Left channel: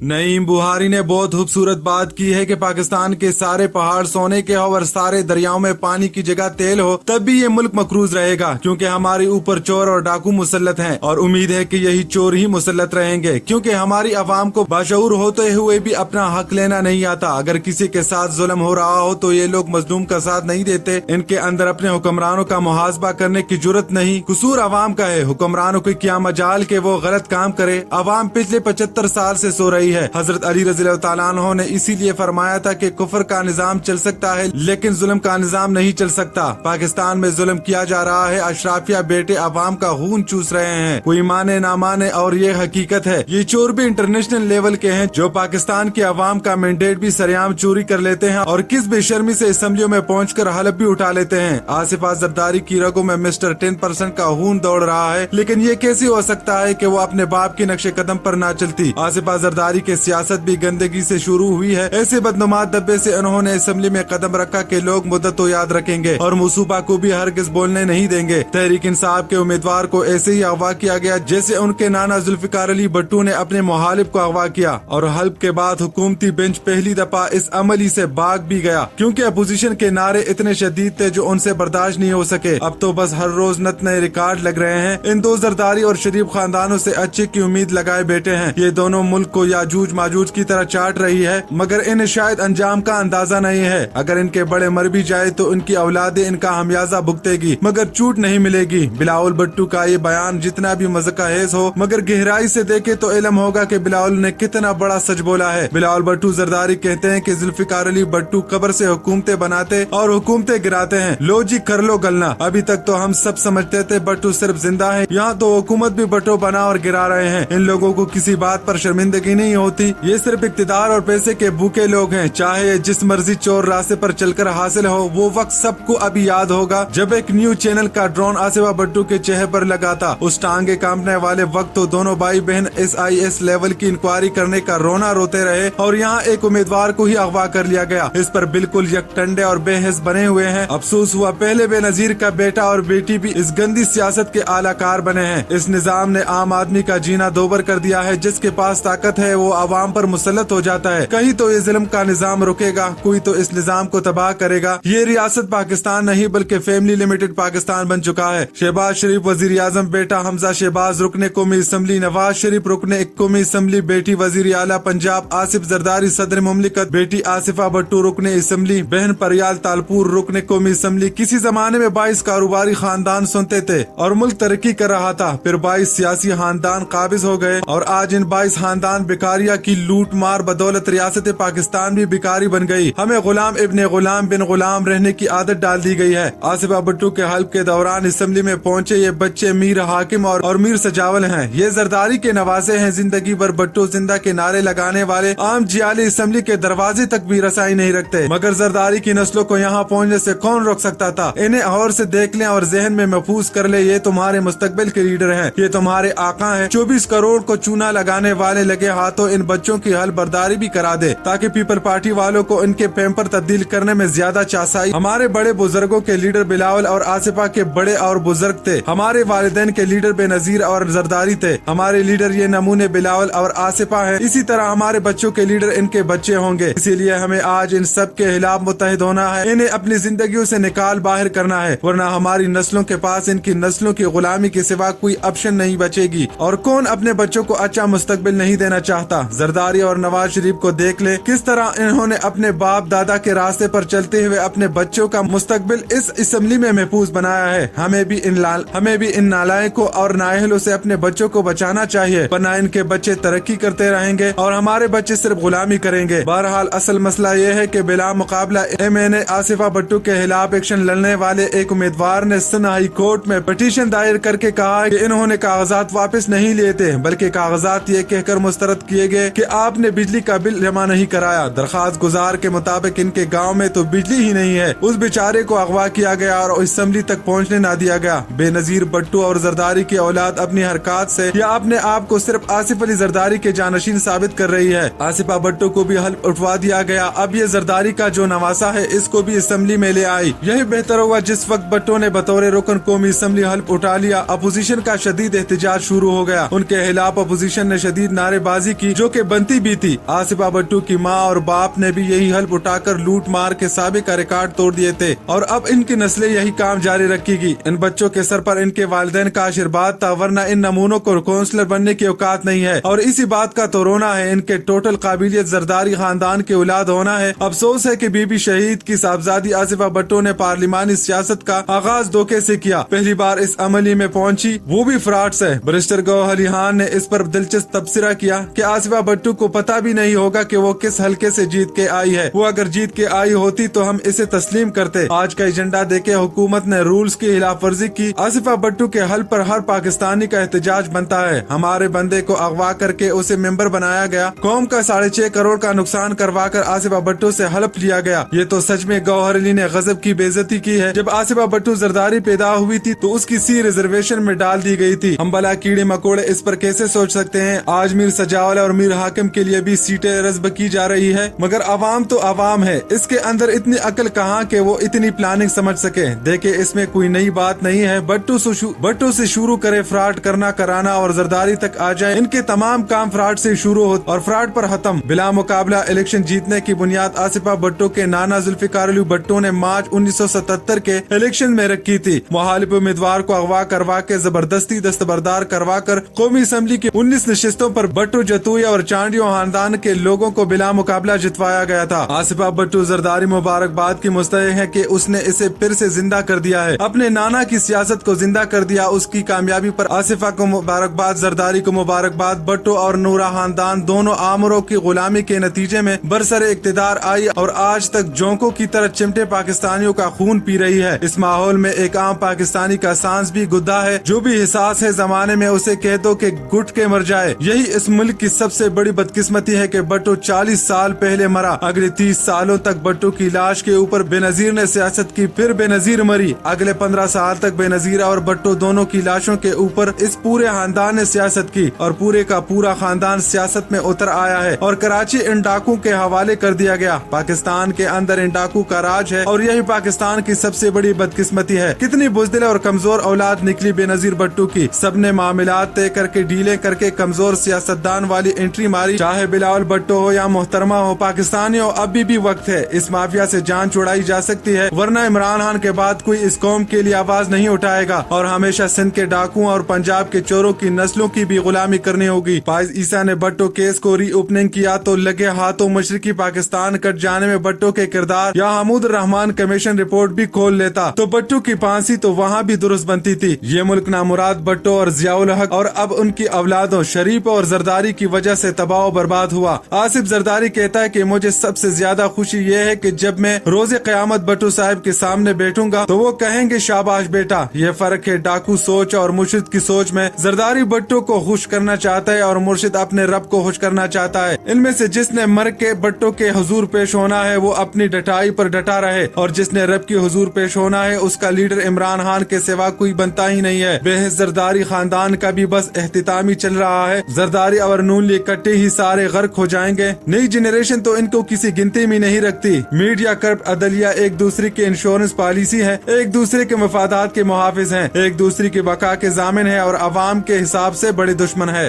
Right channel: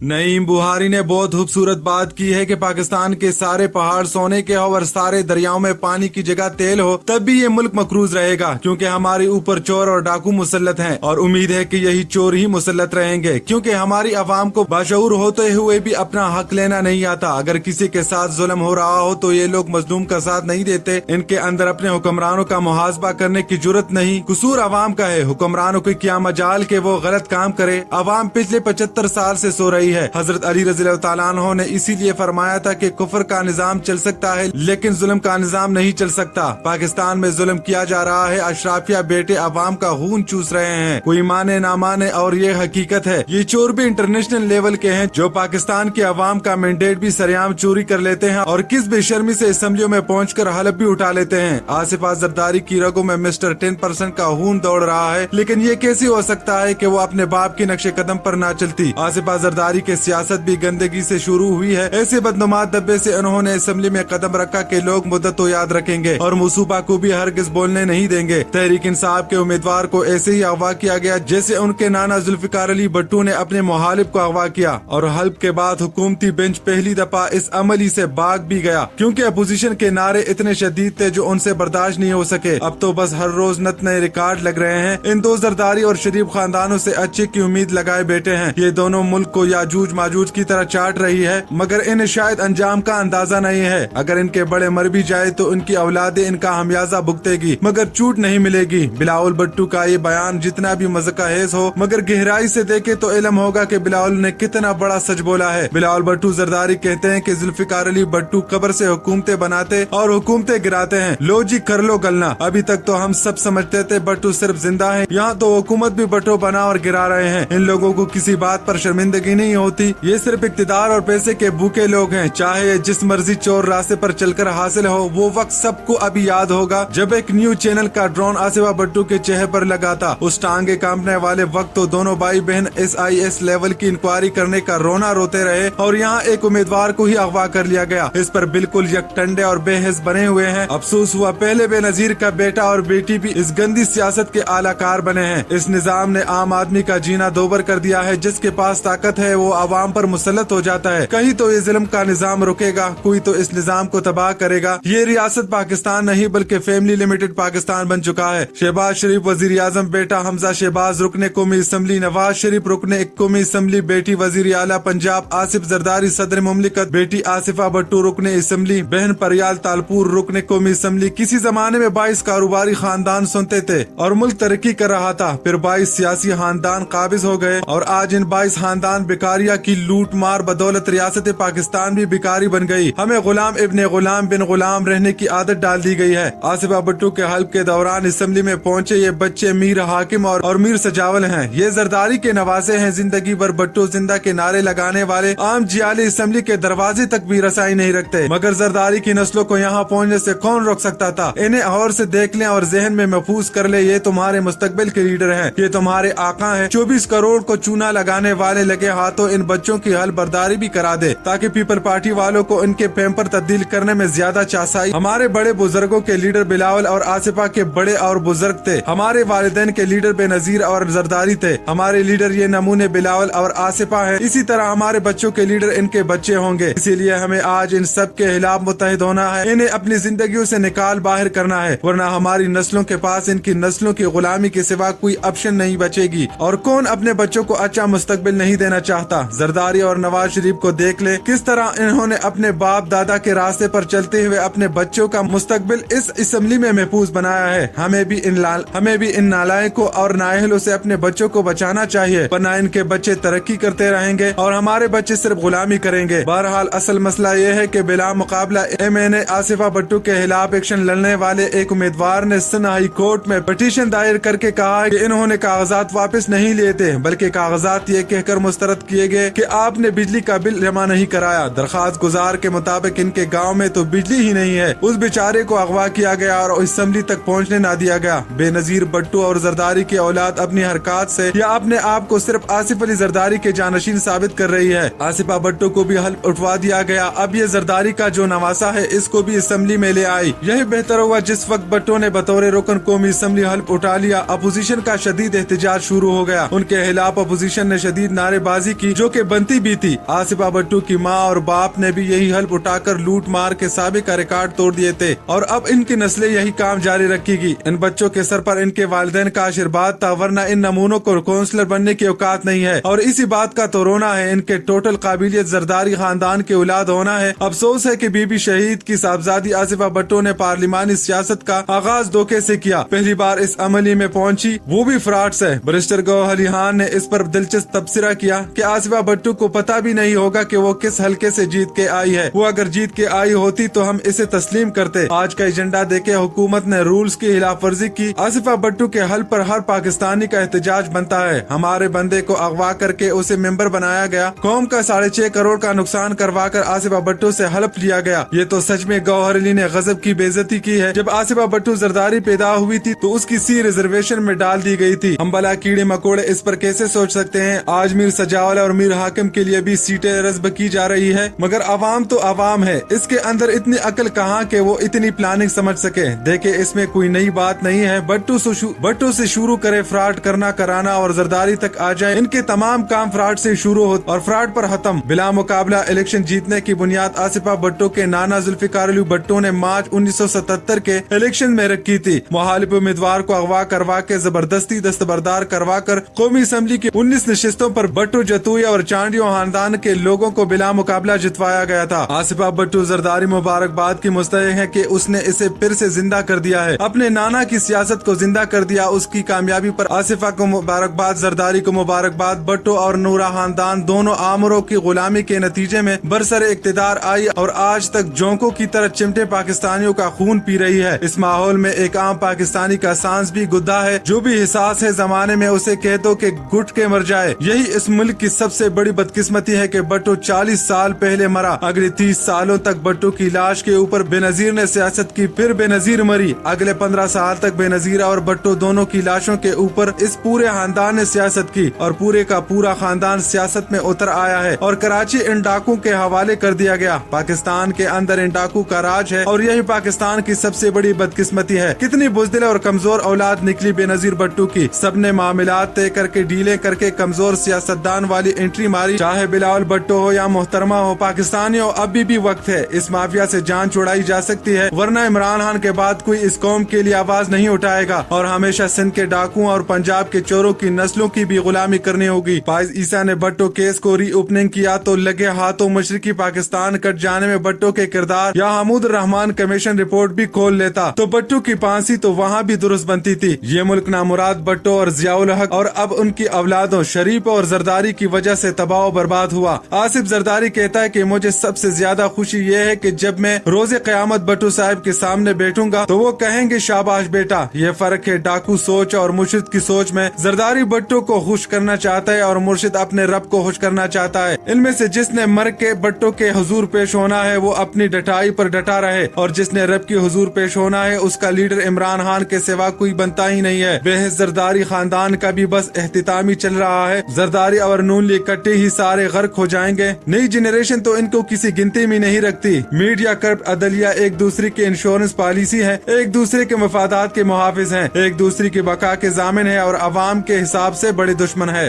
नईम बुखारी ने बहुत खूबसूरत बात की है कि पाकिस्तान के सारे पहाड़ सोने के हो और सारे दरियाओं में पानी की जगह तेल हो, तब भी ये मुल्क मकरूज रहेगा, क्योंकि हमारे ऊपर चोर और डाकू मुसल्लत हैं और उम्मीद है कि यही चोर ही मुसल्लत रहेंगे, क्योंकि हमारी आवाम को बाशऊर होते हुए भी अपना हक लेना नहीं आता। अगर किसी के साथ जुल्म हो रहा हो तो ये लोग मजलूम का साथ नहीं देते। इनके अंदर अपने हुक्मरानों का मुहासबा करने की जुर्रत नहीं। कसूर अवाम का है, हुक्मरानों की क्या मजाल के वो गलत काम करे। अवाम पिछले 75 साल से सो रही है। हजरत अली रज़ी अल्लाह तआला अन्हु ने इसीलिए फरमाया था कि कुफर का निजाम चल सकता है लेकिन जुल्म का निजाम नहीं चल सकता। पाकिस्तान में जुल्म किया जा रहा है, अशराफिया बेटे अवाम का खून चूस रहे हैं, कोई माने ना माने और ये हकीकत है। ये चोर भी इंटरनेशनल लेवल के हैं जो पाकिस्तान के अवाम का मैंडेट भी सरेआम चोरी कर लेते हैं और किस बेशर्मी से असम्बलियों में पहुंचकर हलफ भी उठा लेते हैं। आसिफा जरदारी की रगों में मिस्टर 10% का खून दौड़ रहा है, लेकिन ये कैसे हो सकता है कि वो अपने बाप के नक्शे कदम पर ना चलती। आसिफा जरदारी के सियासत भी गंदगी से शुरू हुई है। ऐसे बदनुमा दब्बे से उन्होंने असम्बली में कदम रखा कि लोग मुद्दत तो याद रखेंगे और मुसूबा को भी हरगिज बोलने नहीं देंगे। तहरीक इंसाफ के उम्मीदवार को ऐसे ही अगवा किया गया जैसे उनके नाना जुल्फिकार अली भट्टू ने अपने मुहालिफ को अगवा किया और हल्फ के बाद हुकूमती बेंच पहली दफा इस अमली से भाग भी गया, क्योंकि अपोजिशन के नारे इतने शदीद थे जो उनसे बर्दाश्त नहीं हो सके। अब तो बस हर रोज नत नए रिकॉर्ड लग रहे हैं। इन दो जरदारी और शरीफ खानदानों से अच्छे की उम्मीद लगाए बैठे हैं। ये दोनों मुल्क को याजूज माजूज की तरह चाट रही है, मगर इन्हें शायद अंजाम का अंदाजा नहीं है। अगर इनके बड़े मर भी जाए तो इनकी औलादे इनका हमियाजा भुगतेगी, मगर चूट नहीं मिलेगी। बिलावल भट्टू का ये बयान जितना भी मज़का हेज हो, मगर गहराई से देखे तो इल्म होगा कि बिलावल ने कितना बड़ा सच बोला है। बिलावल भट्टू जरदारी कहते हैं कि जुल्फिकार अली भट्टू कब्र से हुकूमतें बनाते और हुकूमतें गिराते हैं। लो जी कर लो गलना। अभी तक तो हम सब समझते थे भट्टू सिर्फ जिंदा है, यहाँ तो हुकूमत भी भट्टो बना और गिरा रहे हैं। इन लोगों को किसी बात पर शर्मिंदगी नहीं होती। ये सिर्फ इक्तिदार और पैसे के भूखे लोग हैं। चाहे जिस मर्जी चोर रास्ते पर चलकर हासिल हो, वो वक्त सबको अभी याद होगा जब एक न्यूज चैनल का ड्रोन आसिफा भट्टू के चेहरे पर लगा था। उस टांगे कांपने वाले वक्त तो दोनों भाई बहन SIS लेवल की इंक्वायरी करने का रोना रोते रहे और यहाँ एक उम्मीदवार को ही अगवा कर लिया गया। इस पर बिल्कुल यकटंडे और बेहस बने हुए हैं। अफसोस हुआ पहले बेनजीर का बेटा और बेटी भी इस गंदी सियासत के आलाकार बने हैं। इस निजाम ने आम आदमी का जीना दोबर कर दिया है। जिसके पास ताकत है वो आवाम पर मुसल्लत हो जाता है। कहीं तो ये जुल्म का निजाम रुकेगा, कोई तो इस निजाम को तबाह करेगा। ये रियासत पाकिस्तान नहीं बल्कि फैमिली लिमिटेड पाकिस्तान बन चुका है। शहबाज शरीफ वजीर आजम बेटा हमजा शहबाज रुकने कौमी असम्बली, नवाज शरीफ रुकने कौमी असम्बली बेटी वजीर आला पंजाब, आसिफ जरदारी सदर मुमलिकत बेटी आसिफा भट्टू रुकने असम्बली, बहन परियाल तालपुर रुकने कौमी असम्बली। किसी जमाने में 22 कारोबारी खानदान सुनते थे और मुल्क तरक्की कर रहा था। फिर 22 सियासी खानदान काबिज हो गए और आज इन 22 खानदान बिकारिया की लूट मार बदौलत रियासत पाकिस्तान भी बिकारी बन गई। हमें गुलाम इब्ने गुलाम बिन गुलाम रहने की आदत डाल दी गई है। आसिफा भट्टू के हल्फ के दौरान असम्बली में पहुंचे ये बच्चे मीर हाकिम और मीर सजावल हैं। ये जरदारी के नवासे हैं। जिंदगी भर भट्टू जिंदा के नारे लगाने वाले आम जियाली असम्बली के दरवाजे तक भी रसाई नहीं रखते, मगर जरदारी की नस्लों को यहाँ पहुँचने से कौन रोक सकता था। इन्हें और से देख लें और जहन में महफूज कर ले, ये तुम्हारे मुस्तकबिल के लीडर हैं, ये तुम्हारे आका हैं। 24 करोड़ को चूना लगाने वाले लगे हाथों इन बच्चों की हल बर्दारी भी करा दे, ताकि पीपल पार्टी वालों को इनके पैम्पर तब्दील करने में ज्यादा चासाई। हमारे बड़े बुजुर्गों के लीडर बिलावल और आसिफा के बड़े और बुजुर्ग थे। हमारे वालिदैन के लीडर बेनजीर और जरदारी थे। हमारे लीडर ये नमूने बिलावल और आसिफा हैं। इसी तरह हमारे बच्चों के लीडर इनके बच्चे होंगे। इसीलिए हमें आज इन सब के खिलाफ मुत्तहिद होना है। इन्हें अपनी जिंदगियों से निकाल बाहर करना है, वरना हमारी नस्लों के पास इनकी नस्लों की गुलामी के सिवा कोई ऑप्शन नहीं बचेगी। और कौन अपने बच्चों को अच्छा मुस्तकबिल नहीं देना चाहता। जरदारी और नवाज शरीफ को देख ले, किस तरह इन्होंने अपने बाप दादा के रास्ते पर चलते हुए अपने बच्चों का मुस्तकबिल इस असम्बली में महफूज बनाया है। हमें भी इन नालायकों और नाअहलों से अपने बच्चों को बचाना चाहिए, वरना इनके बच्चे तरक्की करते रहेंगे और हमारे बच्चे सिर्फ गुलामी करेंगे। बहरहाल असल मसला ये है कि बिला मुकाबला MNA आसिफा भट्टू के खिलाफ एक्शन लड़ने वाले एक उम्मीदवार ने सिंध हाई कोर्ट में पिटीशन दायर करके कहा कि इन्होंने कागजात वापस नहीं लेते, बल्कि कागजात ये कहकर मुस्तरद किए गए कि आपने बिजली का बिल जमा नहीं कराया। दरखास्त गुजार के मुताबिक इनके गाँव में तो बिजली ही नहीं है। उस बेचारे को अगवा किया गया और असम्बली तक पहुँचने न दिया गया। बेनजीर भट्टू और जरदारी की औलाद अपनी हरकत से या अपने आप को सिर्फ आसिफ अली जरदारी के जानशीन साबित कर रही है। आसिफा भट्टू को भी हल्फ उठवा दिया गया। अब ये जरदारी का जो नवासा है इसको भी असम्बली में ले आई। यही बेहतर हुआ जिस वक्त भट्टू ने बतौर रुकन कौमी असम्बली हल्फ उठा लिया। अपोजिशन का शदीद एहतजाज शुरू हो गया। उनके खिलाफ अपोजिशन ने शदीद नारेबाजी की की, जो कि बनती भी थी। आसिफा भट्टो की माँ और बाप ने भी यही हल्फ उठाकर लूट मार के साबिक का रिकॉर्ड तोड़ दिए थे और अब इनकी नस्लें यही काम जारी रखेगी। इन बच्चों के सर पर इनके वालिदैन का आशीर्वाद था, वरना इन नमूनों को काउंसलर बनने की औकात नहीं है। और इसी बात का तो रोना है, इनके टोटल काबिलियत जरदारी खानदान के औलाद होना है। अफसोस है कि बीबी शहीद की साहबजादी आसिफा भट्टो ने पार्लिमानी सियासत का आगाज धोखे से किया। पहली बार इस अमली में पहुंची, वो भी फ्रॉड से। बैरिस्टर गौहर अली खान ने इस पर दिलचस्प तबसरा किया कि आसिफा भट्टो को पता भी नहीं होगा कि वो किस हल्के से जीत के आई है। वो अगर जीत के आई होती तो हम इसे तस्लीम करते। आज का एजेंडा देके हुकूमत ने रूल्स की खिलाफ वर्जी की। आसिफा भट्टो के हल पर हर पाकिस्तानी का एहतजाज बनता है। हमारे बंदे को अगवा करके उसे मेंबर बनाया गया, कौम का 6.5 करोड़ का नुकसान करवा कर आसिफा भट्टो से हलफ लिया गया। ये तो सच में गौहर अली ने गजब की बेइज्जती की है। जब आसिफा भट्टो जरदारी पैदा हुई थी तो उसकी सी रिजर्वेशन में डाल दी गई थी। हम भला कीड़े मकोड़े इस पर कैसे सोच सकते हैं। आज मीर सजावाला और मीर हाकिम के लिए भी सीटें रज़्ब की जा रही है, मगर अवाम तो अवाम है। इसके अंदर इतनी अकल कहाँ के वो इतनी प्लानिंग समझ सके। देखे इसमें कोई नई बात नहीं है। भट्टो से शुरू करे फ्रॉड करना कराना और जरदारी तक आ जाए। इनके तमाम काम फ्रॉड से शुरू हो और फ्रॉड पर खत्म। बिला मुकाबला इलेक्शन जीतने की बुनियाद आसिफा भट्टो के नाना जुल्फिकार अली भट्टो ने मार्च 1977 के इलेक्शन में रखी थी। मुखालिफ उम्मीदवार को अगवा करवा के जबरदस्ती दस्तबरदार करवा कर कौमी असम्बली की 19 नशिस्तों पर भट्टो जतुया और चांडियों खानदान के लोगों को बिला मुकाबला जितवाया गया था। आसिफा भट्टो जरदारी मुबारकबाद की मुस्तहिक है कि उसने इसे फिर से जिंदा कर दिया है, अपने नाना की सियासत को जिंदा कर दिया। उसकी कामयाबी पर आसिफा को मुबारकबाद, जरदारी को मुबारकबाद। भट्टो और नूरा खानदान दोनों आमरों की गुलामी के नतीजे में बरसरे इक्तिदार आई और आज तक जोंकों की तरह चिमटे पाकिस्तानियों का खून पी रही है। इस माहौल में एक आम पाकिस्तानी का सांस भी गुद्दा है। जो भी हिसास है जमाने में उसे कह दो कि घुट के मर जाए। यही इस मुल्क की सबसे बड़ी बदकिस्मती है कि भट्टो 40 साल पहले मरा। अगले 30 सालों तक भट्टो की लाश के ऊपर बेनजीर ने सियासत की, फिर बेनजीर मरी। अगले 15 साल तक बेनजीर और भट्टो दोनों की लाशों के ऊपर इस पूरे खानदान ने सियासत की और पूरे का पूरा खानदान सियासत में उतर आया है और कराची इन डाकू के हवाले कर दिया गया। पाकिस्तान के अंदर इन डाकू का राज है और यही पाकिस्तान की सबसे बड़ी बदकिस्मती है। कितनी बुज़दिल और कमजोर औलाद निकली बेनजीर भट्टो की। सबने मामलात तय करके डीले करके कमजोर सियासतदान वाली एंट्री मारी। चाहे बिलावल भट्टो हो या मोहतरमा हो, पाकिस्तानियों अभी भी वक्त है। इस माफिया से जान छुड़ाई जा सकती है, वरना इमरान खान के बाद कोई इस कौम के लिए आवाज नहीं उठाएगा और हमेशा सिंध के डाकुओं और पंजाब के चोरों की नस्लों की भी गुलामी करनी होगी। फाइज ईसा ने भट्टो केस को री ओपनिंग किया तो लगे हाथों मशरकी पाकिस्तान कट जाने में भट्टो के किरदार या हमूद रहमान कमीशन रिपोर्ट भी खोल लेता तो भट्टो की फांसी तो वहाँ भी दुरुस्त बनती थी। ये मुल्क नामुराद भट्टो और जियाउल हक और अब उनकी औलादों शरीफ और जरदारी की वजह से तबाह बर्बाद हुआ। आसिफ जरदारी कहता है कि मुझे सबसे ज्यादा खुशी ये है कि जब मैं रोजे क़यामत भट्टो साहब के सामने बैठूंगा तो वो कहेंगे शाबाश बेटा। ये फर्क है डाकू सोच और मुर्शिद की सोच में। जरदारी भट्टो को खुश करना चाहता है और मुर्शिद अपने रब को खुश करना चाहता है। इनमें से जिसने मर के भट्टो के हुजूर पेश होना है वो अपनी डटाई पर डटा रहे और जिसने रब के हुजूर पेश होना है उसका लीडर इमरान खान के सिवा कोई बनता ही नहीं है। बेहद जरदारी खानदान का भी बस एहतितामी चल रहा है। जरदारी और नून लिए इकट्ठे ही सारे गर्क हो जाएंगे। नई जनरेशन तो इनको किसी गिनती में नहीं रखती। मीडिया करप्ट अदलिया एक दूसरे की इंश्योरेंस पॉलिसी है, एक दूसरे के मफादात के मुहाफिज हैं, एक दूसरे की बका के जामिन है और अवाम के हिसाब से बड़े दुश्मन है।